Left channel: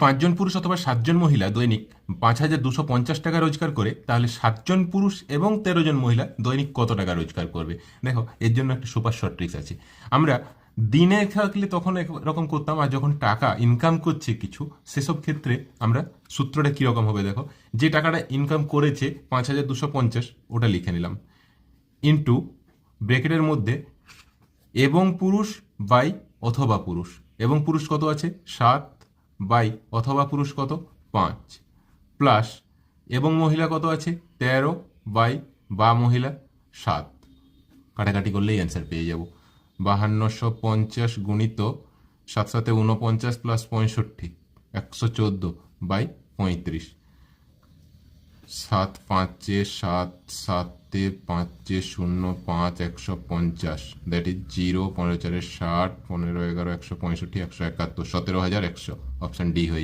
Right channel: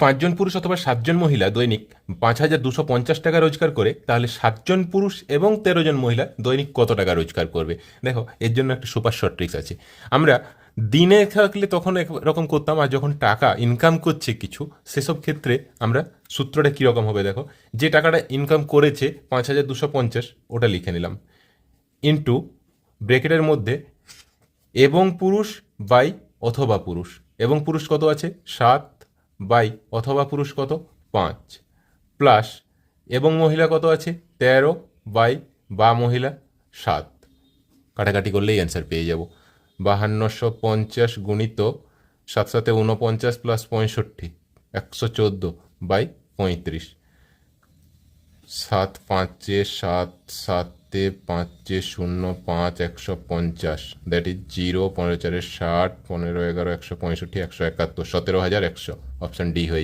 পাঁচজন পুরুষ অথবা সাতজন মহিলা দৈনিক পাঁচ হাজার দুশো পঞ্চাশ টাকা রোজগার করে, তাহলে সাতজন পুরুষ এবং তেরো জন মহিলা দৈনিক কত টাকা রোজগার করবে? দেখো, এর জন্য একটা সুপার শর্ট ট্রিক্স আছে। আমরা দিনে থাকলে তখন রকম করতাম, আর যখন টাকা ইনকাম করছে কিছু, সেসব ক্ষেত্রে আমরা সূত্রটা কীরকম হবে দেখো? যে টাকাটা ইনকাম করেছে পাঁচ হাজার দুশো পঞ্চাশ, ওটা লিখে নিলাম। ইন্টু ব্রেকেটের মধ্যে এবং পুরুষ বাই অথবা পুরুষ। এবং পুরুষ কত আছে? সাত বাই অথবা পুরুষ কত? পাঁচ। প্লাস এবং মহিলা কত আছে? তেরো। বাই বা মহিলা সাত। কাটাকাটি করলেই অ্যান্সার পেয়ে যাব। বাহান্নশো পঞ্চাশ গুণিত সাত সাথে উনপঞ্চাশ প্লাস পঁয়ষট্টি, একশো চোদ্দ বাই পঁয়ত্রিশ। সাত পাঁচে সাত, সাতে পাঁচে শূন্য পাঁচ একশো পঞ্চাশ দ্যাট ইজ জিরো পনেরো চারে ষাট পনেরো এগারো একশো পঁয়ষট্টি একশো একাত্তর সতেরো হাজার একশো অপশান ডি হয়ে